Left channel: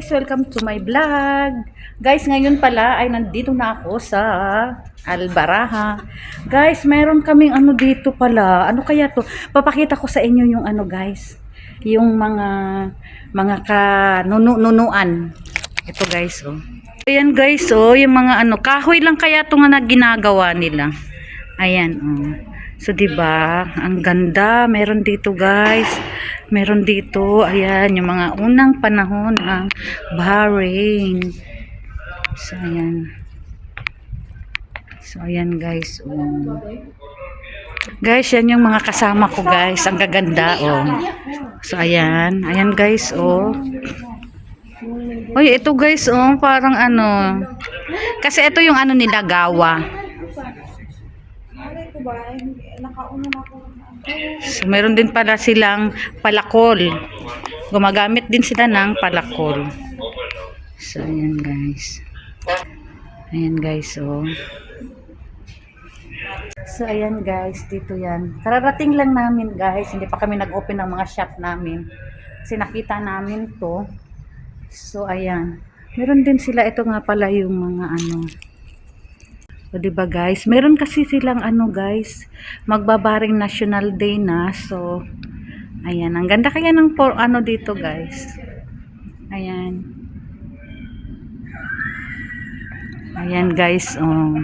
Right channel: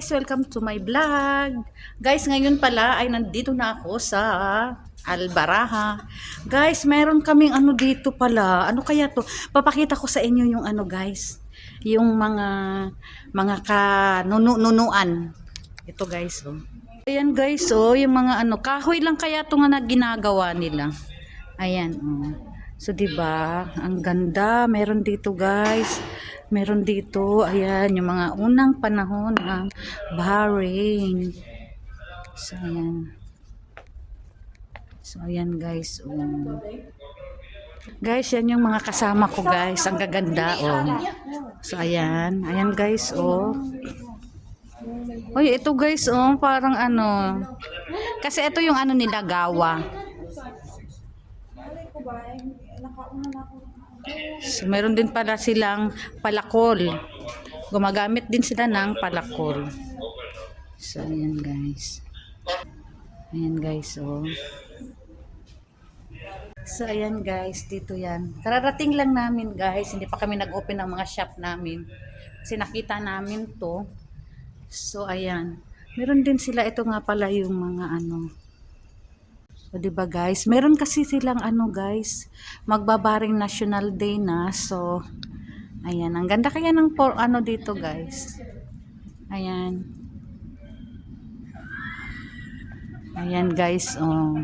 guys, welcome to my vlog. Guys, ngayon pala ay nandito na ako sa Albaraha. Guys, meron kaming ano dito pala. Ano kaya to? Papakita ko sa inyo yung ano guys. Yung mga kanunuan. Ito guys, oh. Ayan guys, oh, yung mga ano, kahoy lang kaya to nga na ginagawa nila. Ayan, oh. So, diba, ang ganda. Meron dito, guys. Meron dito, ayan, yung mga unang panahon ng Bahrain. So, ayan. So, ayan, guys. Oh. Guys, yan yung mga kasama ko, guys. Ang gaganda, oh. So, ayan. Ayan, guys, oh. Uy, ito, guys, oh. Parang ano. Kasi ito yung ano nila, gawa. So, meron din pala silang palakol. Gumagamit din sila ng palakol. So, ayan guys. Ayan guys, oh. So, ayan guys, dito yan. Kararating lang namin guys. Hindi pa kami nag-open ng mga shop namin. Kasi nakita namin to. So, ayan. Meron din sila. Ito nga pala yung mga ano. So, diba guys? Meron kasi silang ano guys, magbabaring National Day na. So, ayan. Ang ganda kaya ng ano dito guys. Ayan. Ayan guys. Oh.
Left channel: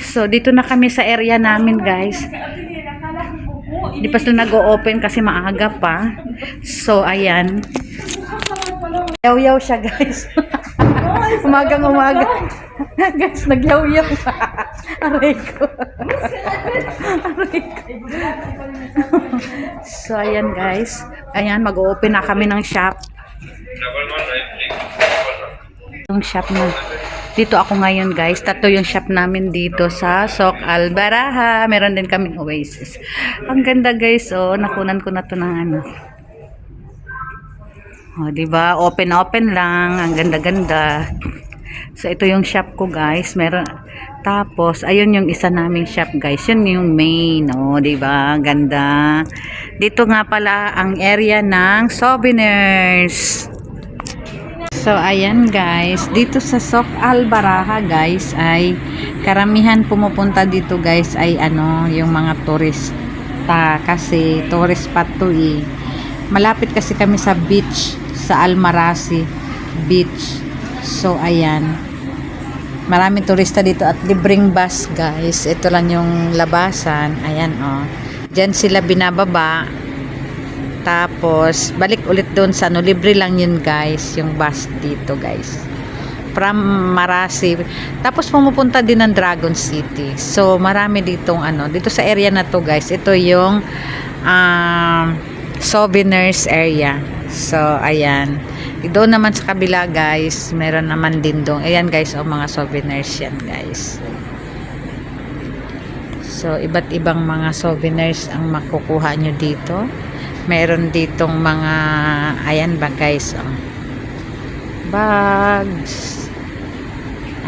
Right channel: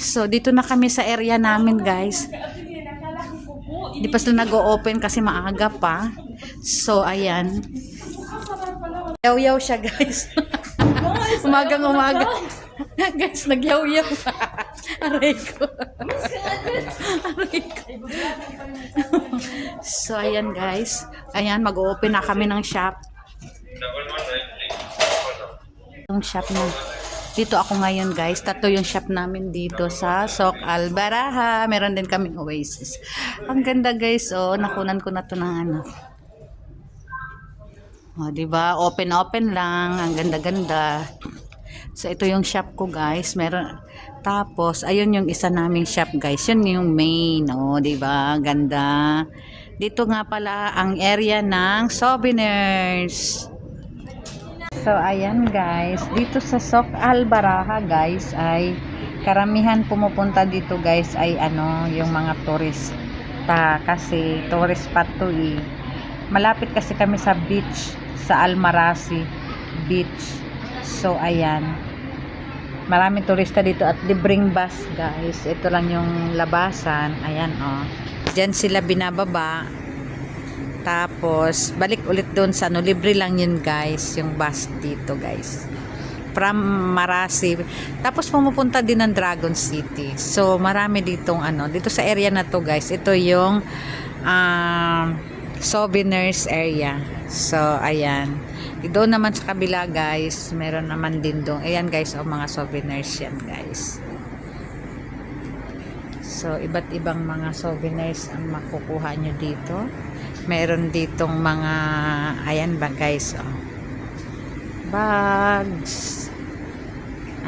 So, dito na kami sa area namin guys. Di pa sila nag-o-open kasi maaga pa. So, ayan. Yaw-yaw siya guys. Umagang umaga. Guys, nagyaw-yaw. Aray ko. Aray ko. So, ayan guys. Ayan, mag-open na kami ng shop. Yung shop na. Dito ako ngayon guys. Tatlo yung shop namin dito sa Sok Albaraha. Meron din kaming Oasis. Ang ganda guys. Oh, nakunan ko na to ng ano. Oh, diba? Open lang. Ang ganda-ganda. So, ito yung shop ko, guys. Meron. Tapos, ayun yung isa naming shop, guys. Yun yung main. Oh, diba? Ganda. Dito nga pala ang area ng souvenirs. So, ayan, guys. Dito sa Sok Albaraha, guys, ay karamihan pumupunta dito, guys, ay ano, yung mga turista. Kasi, tourist spot to, eh. Malapit kasi kami sa beach, sa Almarasi Beach. So, ayan. Maraming turista dito at libreng bus, guys. Ito lang yung labasan. Ayan, oh. Diyan sila binababa. Tapos, balik ulit doon sa ano. Libre lang yun, guys. Yung bus dito, guys. From Marasi. Tapos, pumupunta din ng Dragon City. So, marami ditong ano. Dito sa area na to, guys. Ito yung souvenirs area. So, ayan. Doon naman sa kabila, guys, meron naman din doon. Ayan, guys, o mga souvenirs yan, guys. So, iba't ibang mga souvenirs ang makukuha nyo dito. Meron ditong mga, ayan ba, guys, o. Bags.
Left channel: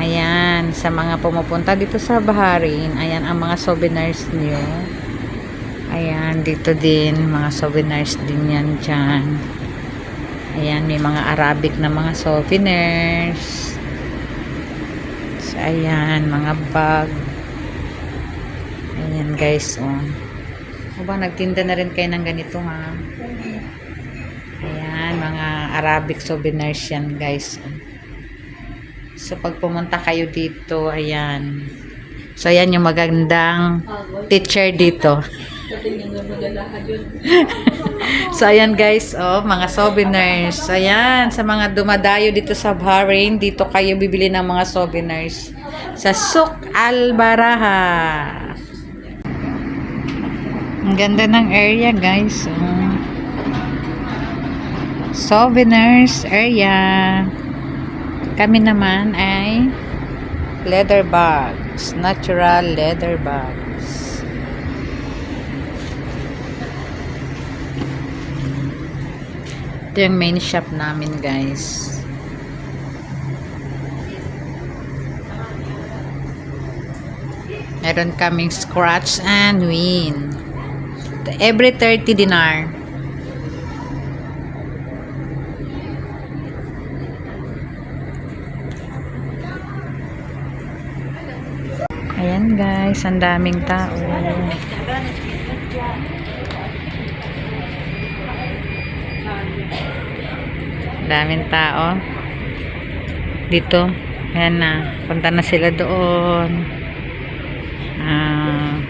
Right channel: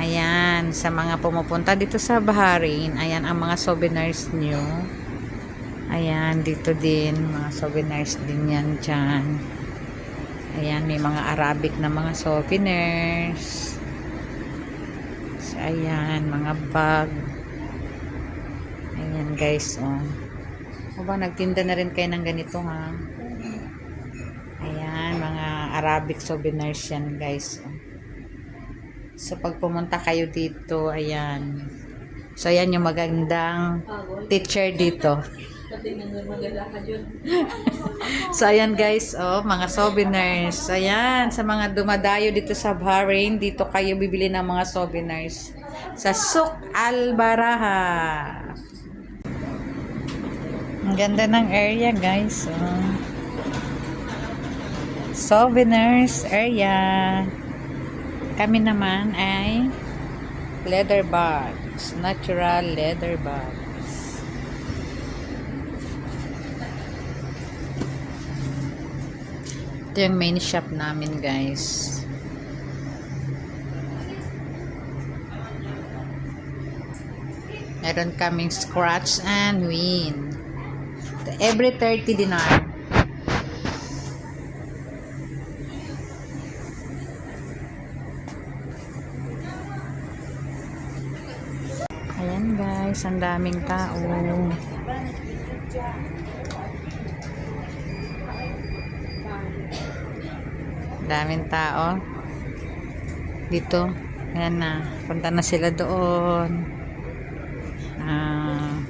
Ayan, sa mga pumupunta dito sa Bahrain, ayan ang mga souvenirs nyo. Ayan, dito din, mga souvenirs din yan dyan. Ayan, may mga Arabic na mga souvenirs. So, ayan, mga bag. Ayan, guys, oh. O ba, nagtinda na rin kayo ng ganito, ha? Ayan, mga Arabic souvenirs yan, guys. So, pag pumunta kayo dito, ayan. So, ayan yung magandang teacher dito. So, ayan guys, oh, mga souvenirs. Ayan, sa mga dumadayo dito sa Bahrain, dito kayo bibili ng mga souvenirs. Sa Sok Albaraha. Ang ganda ng area, guys. Oh. Souvenirs area. Kami naman ay leather bags. Natural leather bags. Ito yung main shop namin, guys. Meron kaming scratch and win. Every 30 dinar. Ayan guys, ang daming tao. Daming tao. Dito. Ayan na. Punta na sila doon.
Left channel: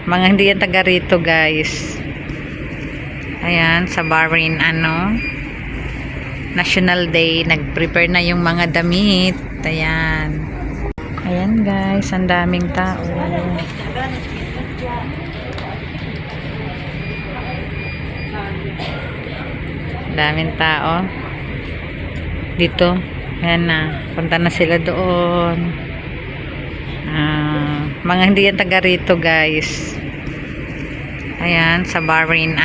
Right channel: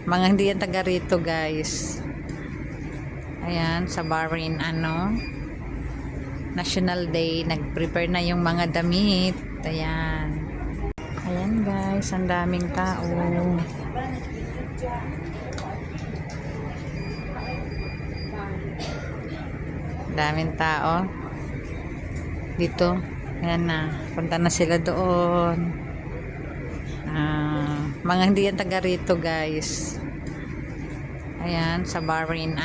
Mga hindi yan taga rito guys. Ayan, sa Bahrain National Day. Nag-prepare na yung mga damit. Ayan. Ayan guys, ang daming tao. Daming tao. Dito. Ayan na. Punta na sila doon. Mga hindi yan taga rito guys. Ayan, sa Bahrain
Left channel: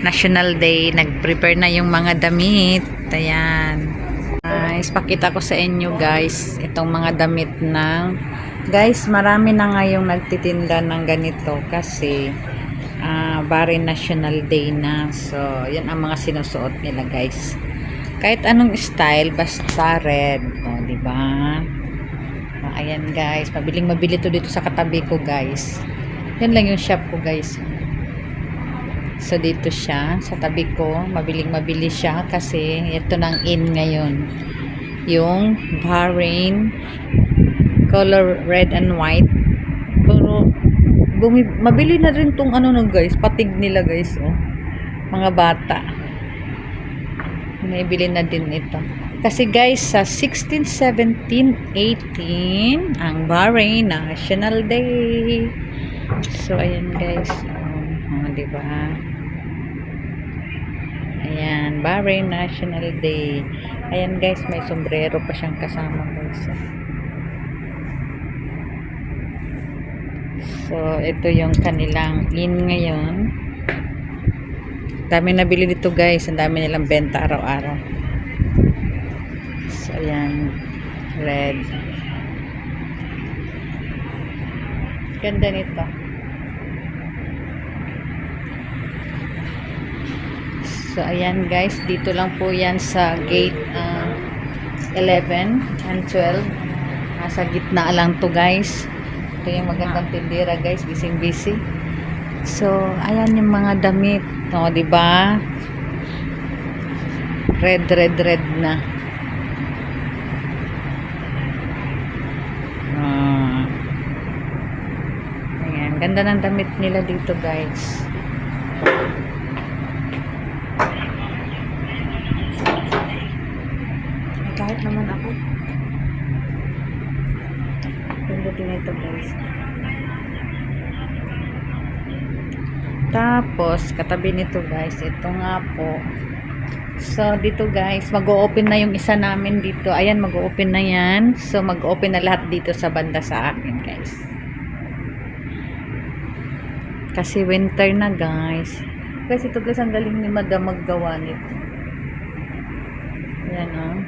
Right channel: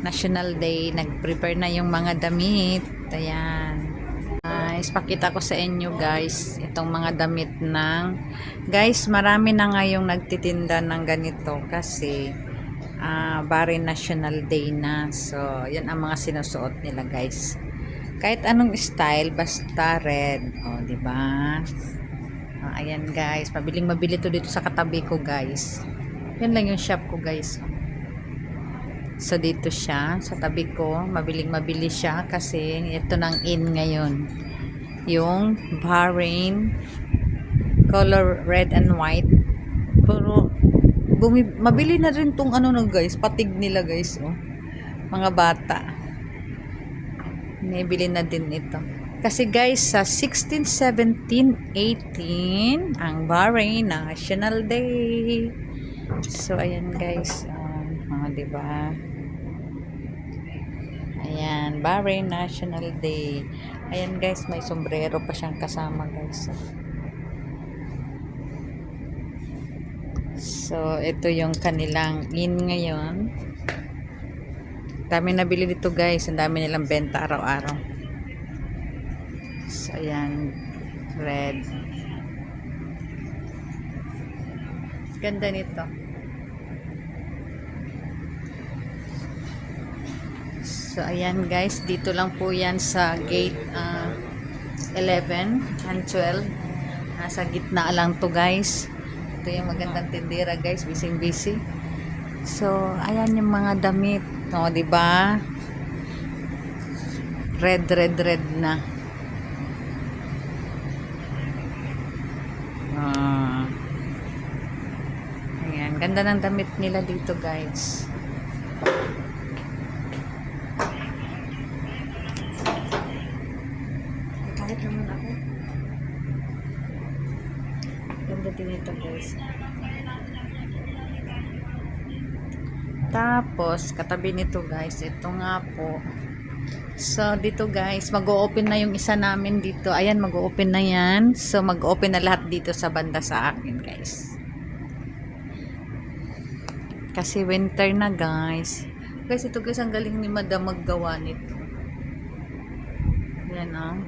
National Day. Nag-prepare na yung mga damit. Ayan. Guys, pakita ko sa inyo guys. Itong mga damit ng guys, marami na ngayong nagtitinda ng ganito kasi Bahrain National Day na. So, yan ang mga sinusuot nila guys. Kahit anong style, basta red. O, diba? Ayan guys, mabiling-mabili to dito sa katabi ko guys. Yan lang yung shop ko guys. So, dito siya, sa tabi ko. Mabiling-mabili siya kasi ito nang in ngayon. Yung Bahrain color red and white. Pero, mabili na rin tong guys, patig nila guys. Oh. Mga bata. Naibili na din ito. Kasi guys, sa 16, 17, 18, ang Bahrain National Day. So, ayan guys. Diba? Ayan, Bahrain National Day. Ayan guys, may sombrero pa siyang kasama guys. So, ito yung kanilang in ngayon. Dami nabili dito guys. Ang dami nilang benta araw-araw. So, ayan. Red. Ganda nito. So, ayan guys. Dito lang po yan sa gate 11 and 12. Nasa gitna lang to guys. Ito yung magandang tindera guys. Busy-busy. So, ayan yung mga damit. O, diba? Red na. Ayan. Ganda ng damit nila dito, guys. Ay, kahit naman ako. Ganda din ito, guys. Tapos, katabi nito guys, ito nga po. So, dito guys, mag-o-open na yung isa namin dito. Ayan, mag-o-open na yan. So, mag-o-open na lahat dito sa banda sa akin guys. Kasi winter na guys. Guys, ito guys, ang galing ni Madam maggawa nito. Ayan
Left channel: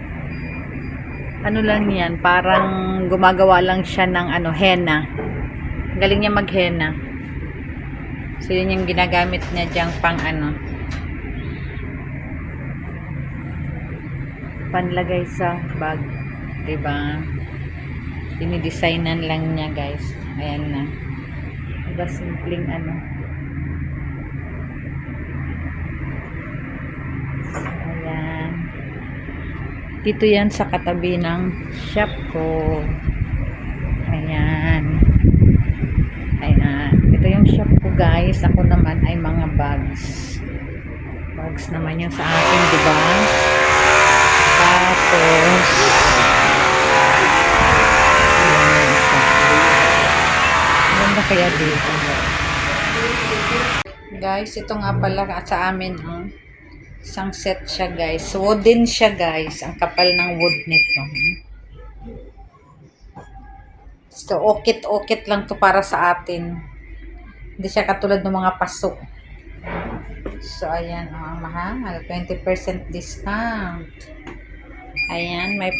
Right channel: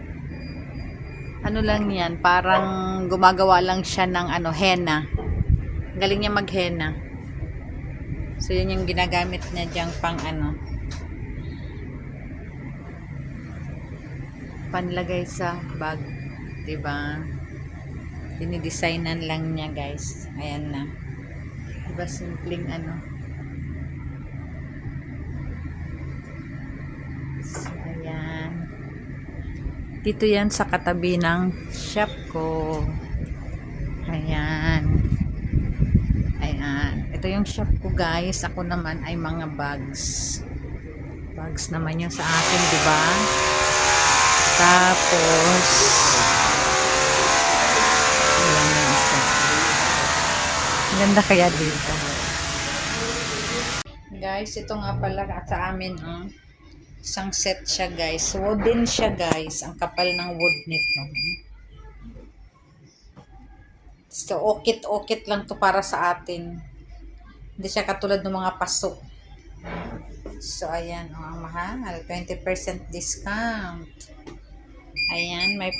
ano lang yan, parang gumagawa lang siya ng henna. Galing niya mag-henna. So, yun yung ginagamit niya diyang pang panlagay sa bag. Diba? Dinidesignan lang niya, guys. Ayan na. Diba, simpleng So, ayan. Dito yan sa katabi ng shop ko. Ayan. Ito yung shop ko guys. Ako naman ay mga bags. Bags naman yung sa akin, diba? Tapos ganda kaya dito. Guys, ito nga pala sa amin, isang set siya guys. Wooden siya guys. Ang kapal ng wood nito. So, okit-okit lang to para sa atin. Hindi siya katulad ng mga paso. So, ayan. Mahal. 20% discount. Ayan. May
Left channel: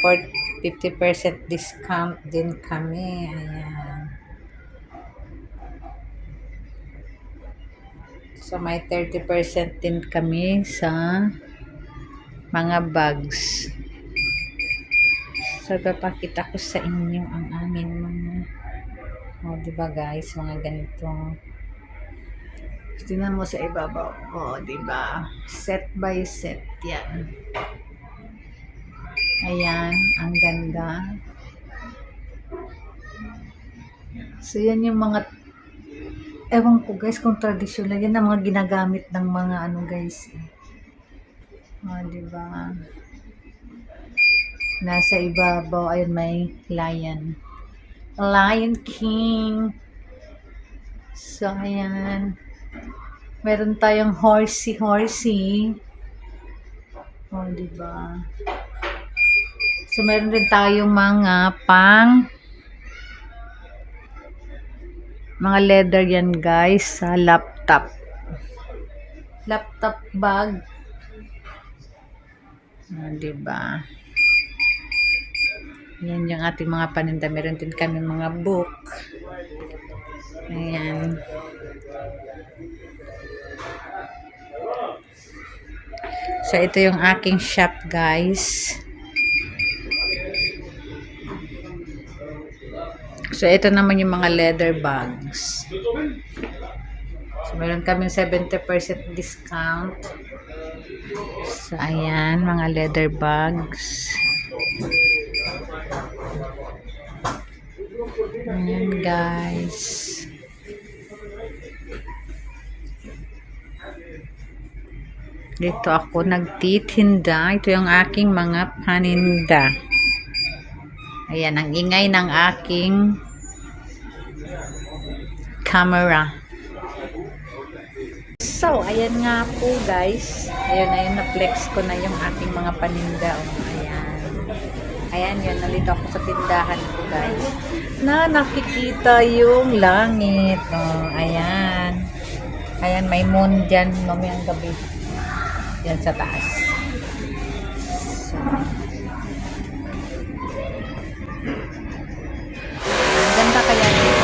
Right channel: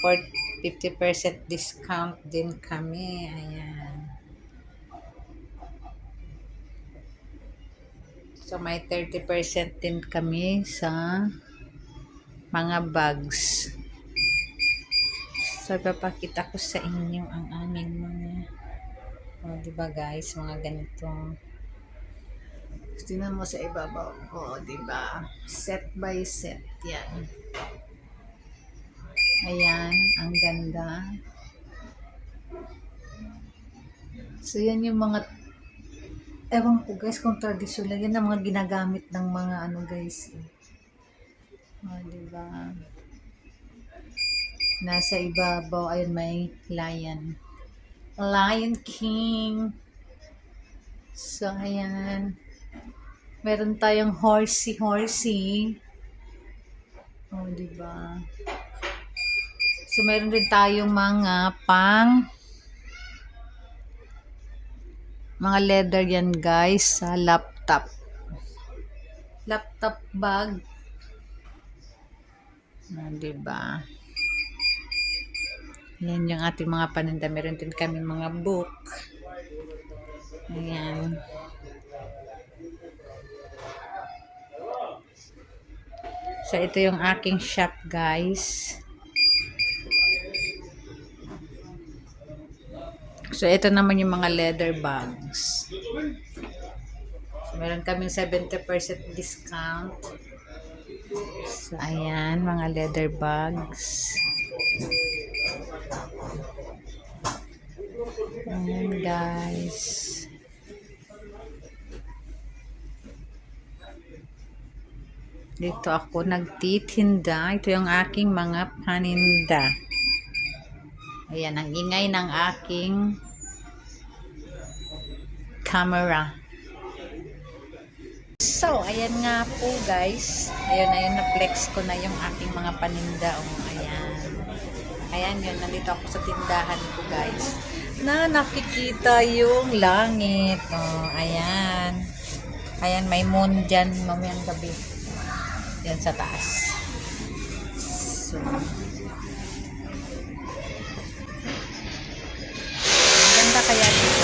50% discount din kami. Ayan. So, may 30% din kami sa mga bags. So, papakita ko sa inyo ang aming mga di ba guys, mga ganitong tingnan mo sa ibabaw. Oh, di ba? Set by set 'yan. Ayan, ang ganda. So, yan yung mga, ewan ko guys kung traditional. Yan ang mga ginagamit ng mga ano guys. Oh, di ba? Nasa ibabaw, ayun may lion. Lion King. So, ayan. Meron tayong horsey. Oh, di ba? So, meron din tayong mga mga leather yan guys sa laptop bag. Oh, di ba? Yan yung ating mga paninda. Meron din kami mga book. Ayan. So, ito yung aking shop, guys. So, ito naman yung mga leather bags. So, meron kami 70% discount. So, ayan, mga leather bags. Ayan, guys. Dito ako nagtitinda. Ito yung aking mga paninda. Ayan, ang ingay ng aking camera. So, ayan nga po guys. Ayun, na-flex ko na yung aking mga paninda. Oh, ayan. Ayan yun, nalito ako sa tindahan ko guys. Na nakikita yung langit. Oh, ayan. Ayan, may moon dyan mamayang gabi. Yan sa taas. Ang ganda kaya nito.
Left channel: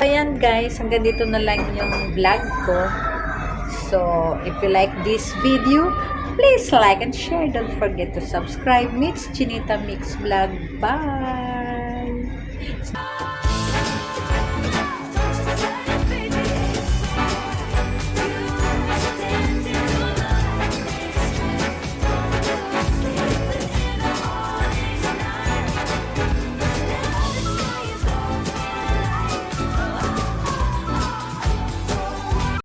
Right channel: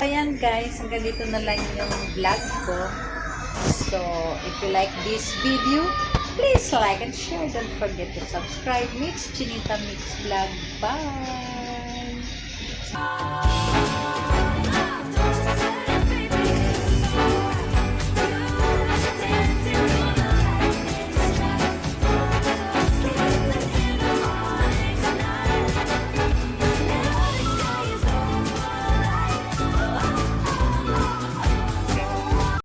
Ayan guys, hanggang dito na lang yung vlog ko. So, if you like this video, please like and share. Don't forget to subscribe. Mix Chinita Mix Vlog. Bye!